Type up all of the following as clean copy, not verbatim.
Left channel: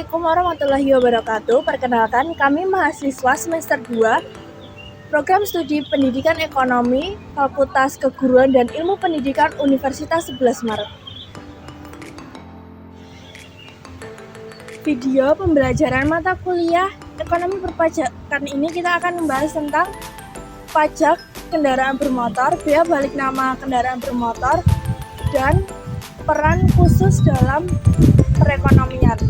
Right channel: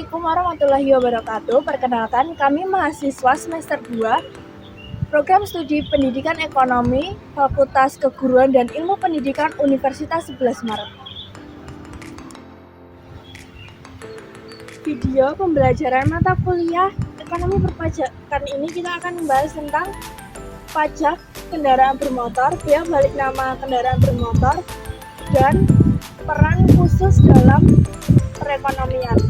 Assalamualaikum warahmatullahi wabarakatuh. Perkenalkan, kami mahasiswa semester 2 Program Studi Pendidikan Ekonomi Fakultas Keguruan dan Ilmu Pendidikan Universitas 11 Maret. Video pembelajaran mata kuliah Ekonomi Perpajakan ini kita akan membahas tentang pajak kendaraan bermotor, biaya balik nama kendaraan bermotor, dan peran khusus dalam perekonomian.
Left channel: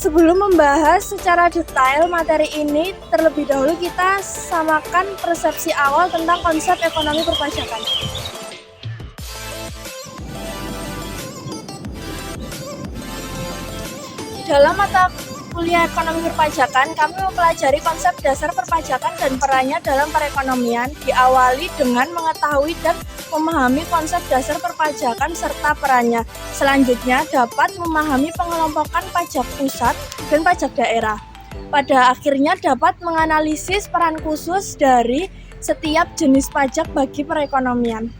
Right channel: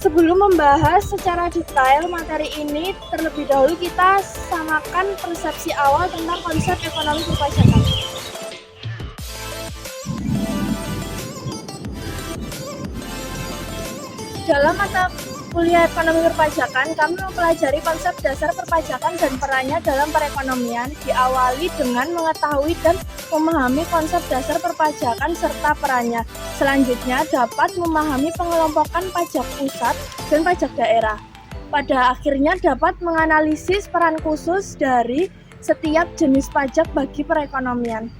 Sebelum membahas secara detail materi ini, terlebih dahulu kita samakan persepsi awal tentang konsep ekonomi perpajakan. Dalam mata kuliah ekonomi perpajakan, kami mempelajari konsep dasar perpajakan dan perannya dalam perekonomian, diawali dengan mengetahui dan memahami konsep dasar perpajakan serta perannya. Selanjutnya dapat memahami pengelompokan pajak pusat dan pajak daerah. Pada akhirnya dapat menganalisis peran khusus dari setiap jenis pajak bagi perekonomian.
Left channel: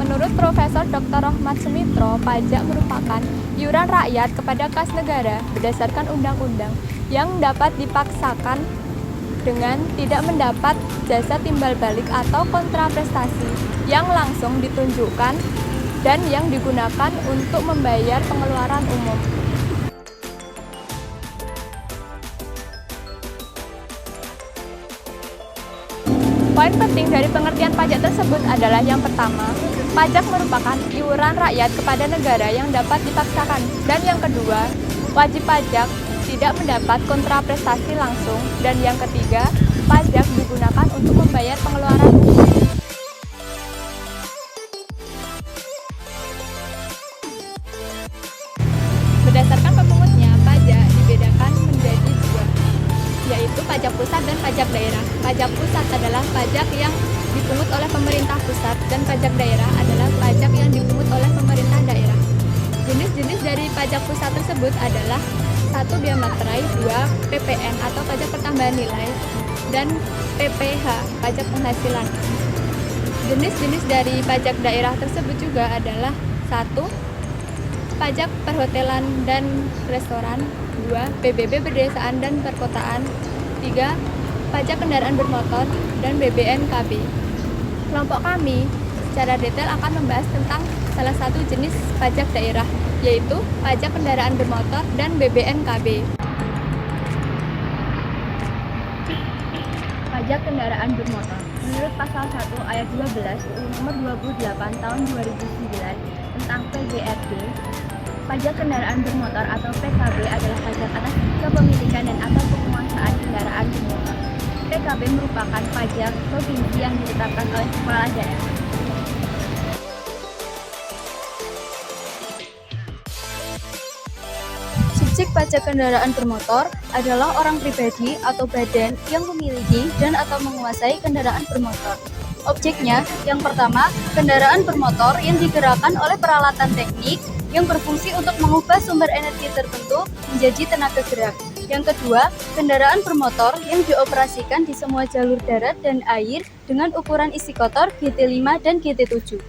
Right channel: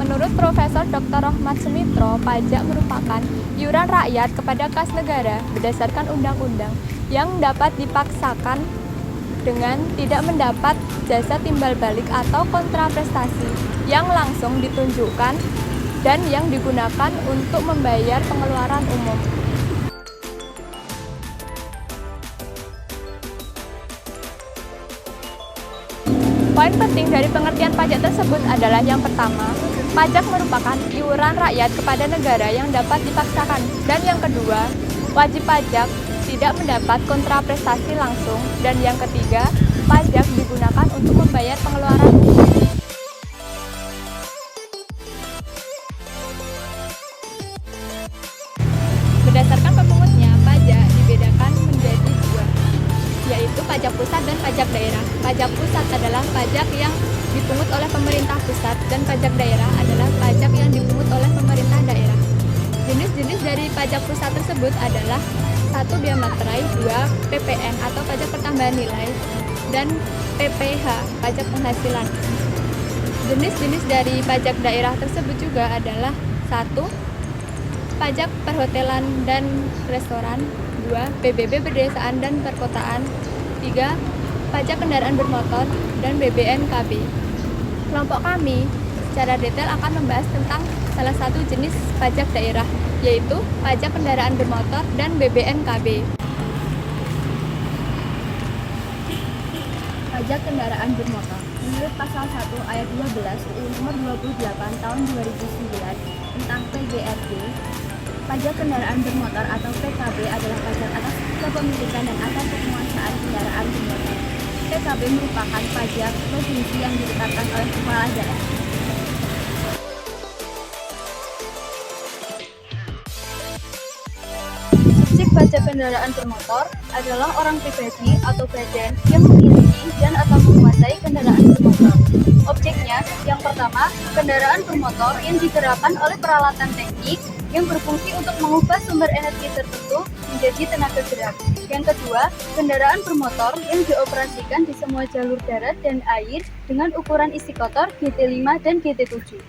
Menurut Profesor Dr. Rohmat Sumitro, pajak merupakan iuran rakyat kepada kas negara berdasarkan undang-undang yang dapat dipaksakan dengan tidak mendapat jasa timbal balik atau kontraprestasi yang langsung ditunjukkan dan yang digunakan untuk membayar pengeluaran umum. Poin penting dari pengertian pajak tersebut adalah yang pertama, pajak merupakan iuran rakyat kepada negara yang dapat dipaksakan. Dan yang kedua, wajib pajak tidak mendapat kontraprestasi langsung. Dan yang ketiga, pajak digunakan untuk membayar pengeluaran umum. Berdasarkan pemungutnya, pajak dibedakan menjadi dua, yaitu pajak pusat dan pajak daerah. Pajak pusat adalah pajak yang dipungut oleh pemerintah pusat dan pajak daerah adalah pajak yang dipungut oleh pemerintah daerah. Jenis-jenis dari pajak pusat tersebut adalah 1. Bea materai, 2. PPN atau pajak pertambahan nilai, dan PPH, pajak penghasilan. Jenis-jenis dari pajak daerah tersebut juga adalah 1. Pajak perhotelan dan restoran, 2. PBB pedesaan dan perkotaan, 3. Pajak kendaraan bermotor, dan BBNKB. Kelompok kami secara detail akan membahas tentang salah satu jenis pajak daerah, yaitu pajak kendaraan bermotor dan BBNKB. Pajak kendaraan bermotor. Menurut pasal 1 ayat 12 UU nomor 28 tahun 2009 tentang PGRB, pajak kendaraan bermotor atau PKB adalah pajak atas kepemilikan dan atas penguasaan kendaraan bermotor. PKB merupakan pajak provinsi yang ditetapkan oleh kepala daerah. Subjek pajak kendaraan bermotor adalah orang pribadi atau badan yang memiliki dan atau menguasai kendaraan bermotor. Objeknya, yang pertama, kendaraan bermotor yang digerakkan oleh peralatan teknik yang berfungsi untuk mengubah sumber energi tertentu menjadi tenaga gerak. Yang kedua, kendaraan bermotor yang dioperasikan di semua jalur darat dan air dengan ukuran isi kotor GT5 dan GT7.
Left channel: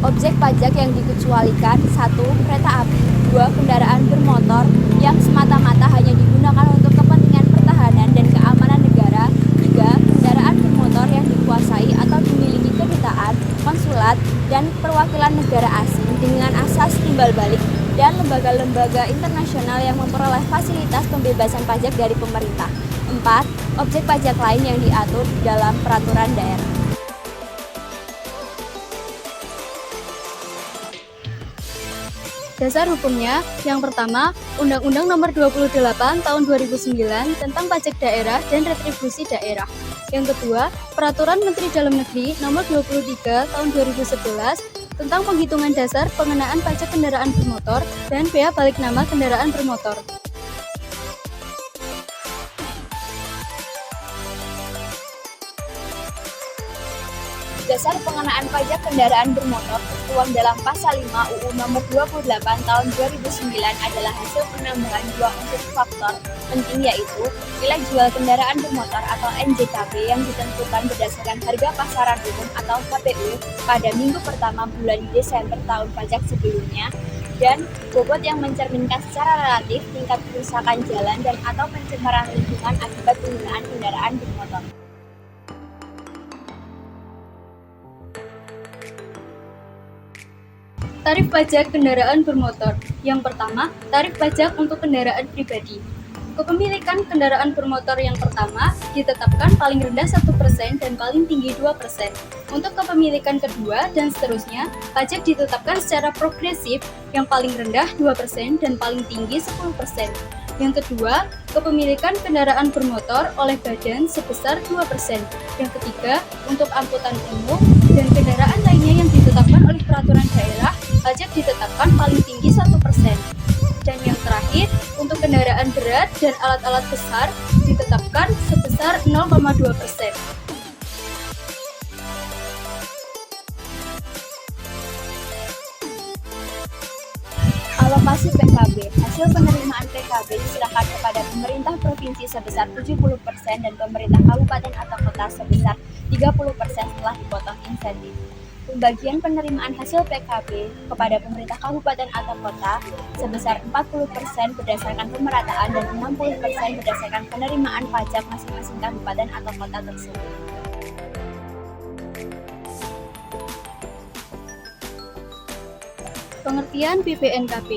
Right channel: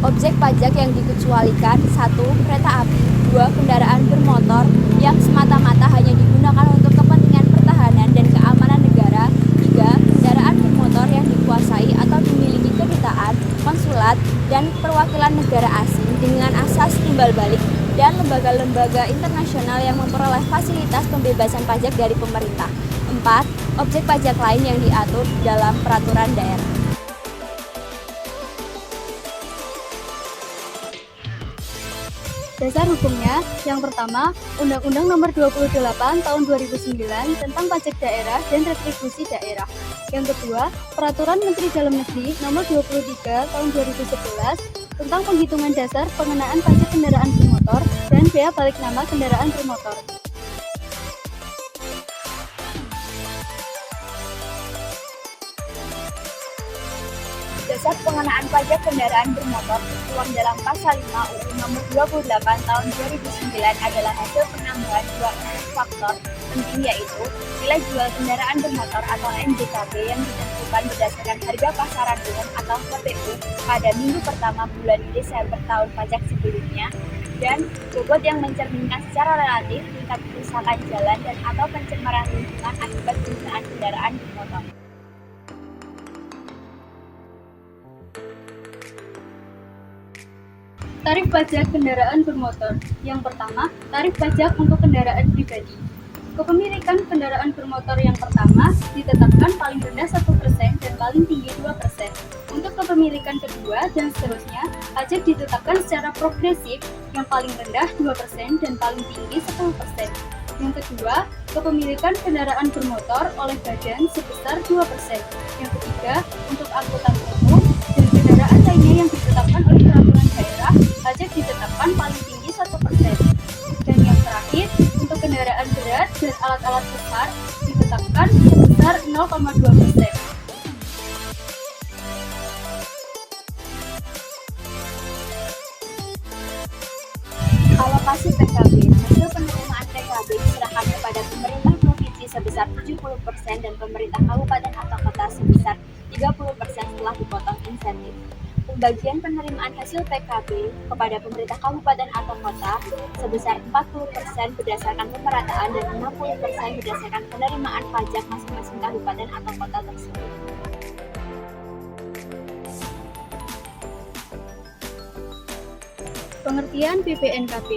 Objek pajak yang dikecualikan: 1. Kereta api, 2. Kendaraan bermotor yang semata-mata hanya digunakan untuk kepentingan pertahanan dan keamanan negara, 3. Kendaraan bermotor yang dikuasai atau dimiliki kedutaan, konsulat, dan perwakilan negara asing dengan asas timbal balik dan lembaga-lembaga internasional yang memperoleh fasilitas pembebasan pajak dari pemerintah. 4. Objek pajak lain yang diatur dalam peraturan daerah. Dasar hukumnya, yang pertama, Undang-Undang Nomor 28 Tahun 2009 tentang Pajak Daerah dan Retribusi Daerah. Yang kedua, Peraturan Menteri Dalam Negeri Nomor 23 Tahun 2011 tentang penghitungan dasar pengenaan pajak kendaraan bermotor dan bea balik nama kendaraan bermotor. dasar pengenaan pajak kendaraan bermotor tertuang dalam Pasal 5 UU Nomor 28 Tahun 2009 adalah hasil penambahan dua unsur faktor penting, yaitu nilai jual kendaraan bermotor atau NJKB yang ditentukan berdasarkan harga pasaran umum atau HPU pada minggu pertama bulan Desember tahun pajak sebelumnya, dan bobot yang mencerminkan secara relatif tingkat kerusakan jalan dan atau pencemaran lingkungan akibat penggunaan kendaraan bermotor. Tarif pajak kendaraan bermotor. Yang pertama, tarif pajak untuk kendaraan pribadi. Kepemilikan kendaraan bermotor yang pertama ditetapkan paling rendah 1% dan paling tinggi 2%. Untuk kepemilikan kedua dan seterusnya, pajak ditetapkan secara progresif, yang paling rendah 2% dan paling tinggi 10%. Yang kedua, kepemilikan kendaraan bermotor oleh badan sebesar 2%. Yang ketiga, untuk angkutan umum dan kendaraan lainnya yang ditetapkan oleh peraturan daerah, pajak ditetapkan paling tinggi 1%. Dan yang terakhir, untuk kendaraan berat dan alat-alat besar ditetapkan sebesar 0,2%. Alokasi PKB. Hasil penerimaan PKB diserahkan kepada pemerintah provinsi sebesar 70% dan pemerintah kabupaten atau kota sebesar 30% setelah dipotong insentif. Pembagian penerimaan hasil PKB kepada pemerintah kabupaten atau kota sebesar 40% berdasarkan pemerataan dan 60% berdasarkan penerimaan pajak masing-masing kabupaten atau kota tersebut. Pengertian BPNKB.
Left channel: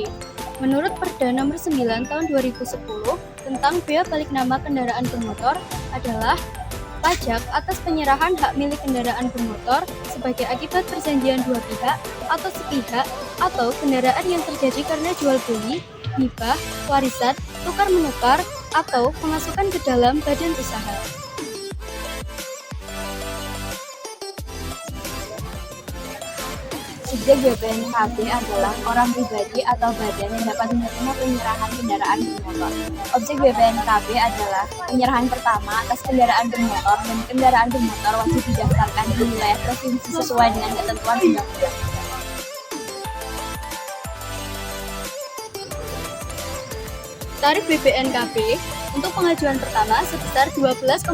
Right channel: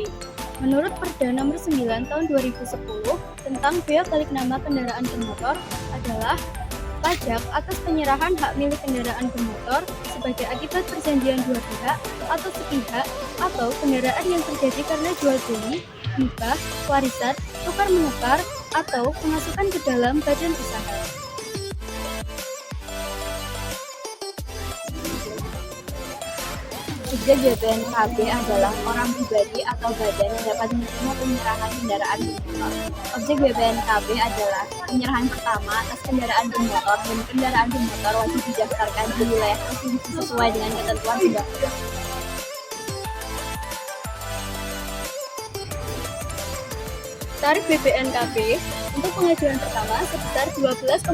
Menurut Perda Nomor 9 Tahun 2010 tentang bea balik nama kendaraan bermotor adalah pajak atas penyerahan hak milik kendaraan bermotor sebagai akibat perjanjian dua pihak atau sepihak atau kendaraan yang terjadi karena jual beli, hibah, warisan, tukar menukar, atau pemasukan ke dalam badan usaha. Subjek BPNKB adalah orang pribadi atau badan yang dapat menerima penyerahan kendaraan bermotor. Objek BPNKB adalah penyerahan pertama atas kendaraan bermotor, dan kendaraan bermotor wajib didaftarkan di wilayah provinsi sesuai dengan ketentuan undang-undang. Tarif BPNKB untuk pengajuan pertama sebesar 12,5%,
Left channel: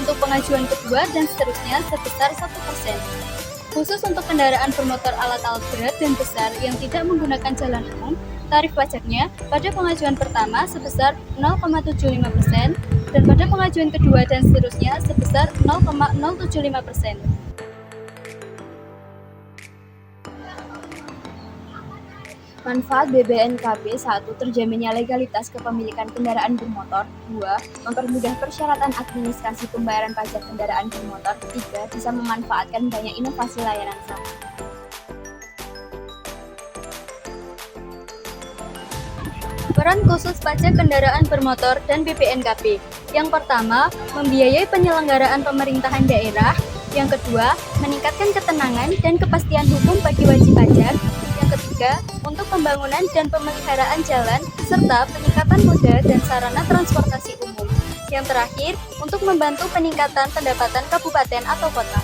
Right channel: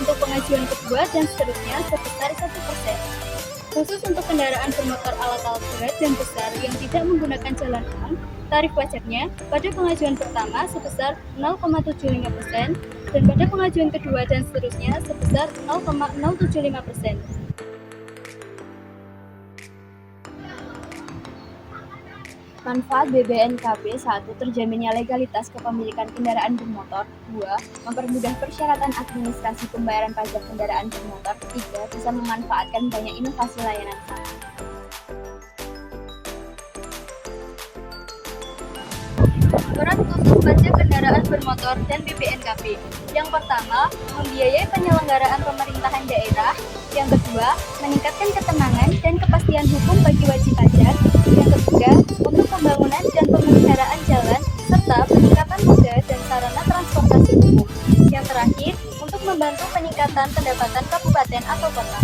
untuk pengajuan kedua dan seterusnya sebesar 1%. Khusus untuk kendaraan bermotor alat-alat berat dan besar yang tidak menggunakan jalan umum, tarif pajaknya pada pengajuan pertama sebesar 0,75% dan pada pengajuan kedua dan seterusnya sebesar 0,075%. Manfaat BPNKB 1. Terjaminnya legalitas kepemilikan kendaraan bermotor. 2. Mempermudah persyaratan administrasi pembayaran pajak kendaraan bermotor. 3. Bisa memanfaatkan banyak inovasi layanan sama. Peran khusus pajak kendaraan bermotor dan BPNKB. Yang pertama, membiayai penyelenggaraan pemerintahan daerah. Yang kedua, meningkatkan ketenangan dan kepastian hukum bagi wajib pajak. Yang ketiga, untuk pembangunan dan pemeliharaan jalan, serta peningkatan moda dan sarana transportasi umum. Yang terakhir, untuk membantu peningkatan pendapatan kabupaten atau kota.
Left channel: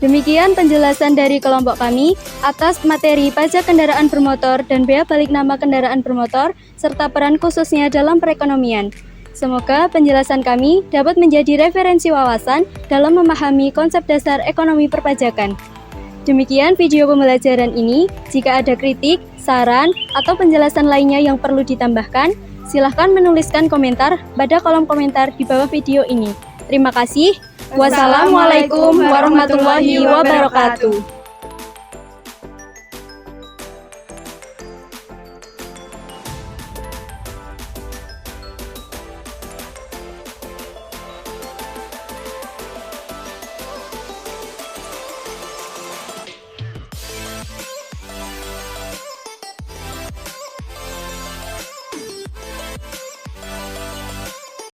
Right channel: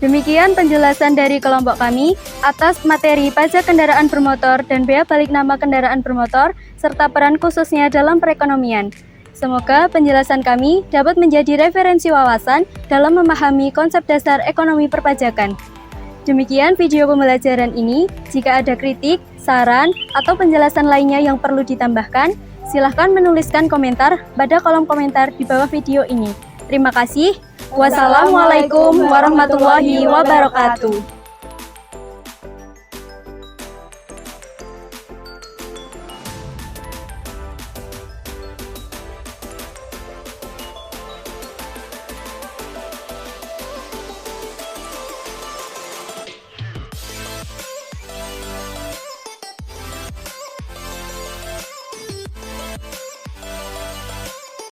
Demikian penjelasan dari kelompok kami atas materi pajak kendaraan bermotor dan bea balik nama kendaraan bermotor, serta peran khususnya dalam perekonomian. Semoga penjelasan kami dapat menjadi referensi wawasan dalam memahami konsep dasar ekonomi perpajakan. Demikian video pembelajaran ini. Jika ada kritik, saran, atau penjelasan lainnya yang perlu ditambahkan, silahkan menuliskan komentar pada kolom komentar di bawah video ini. Terima kasih. Wassalamualaikum warahmatullahi wabarakatuh.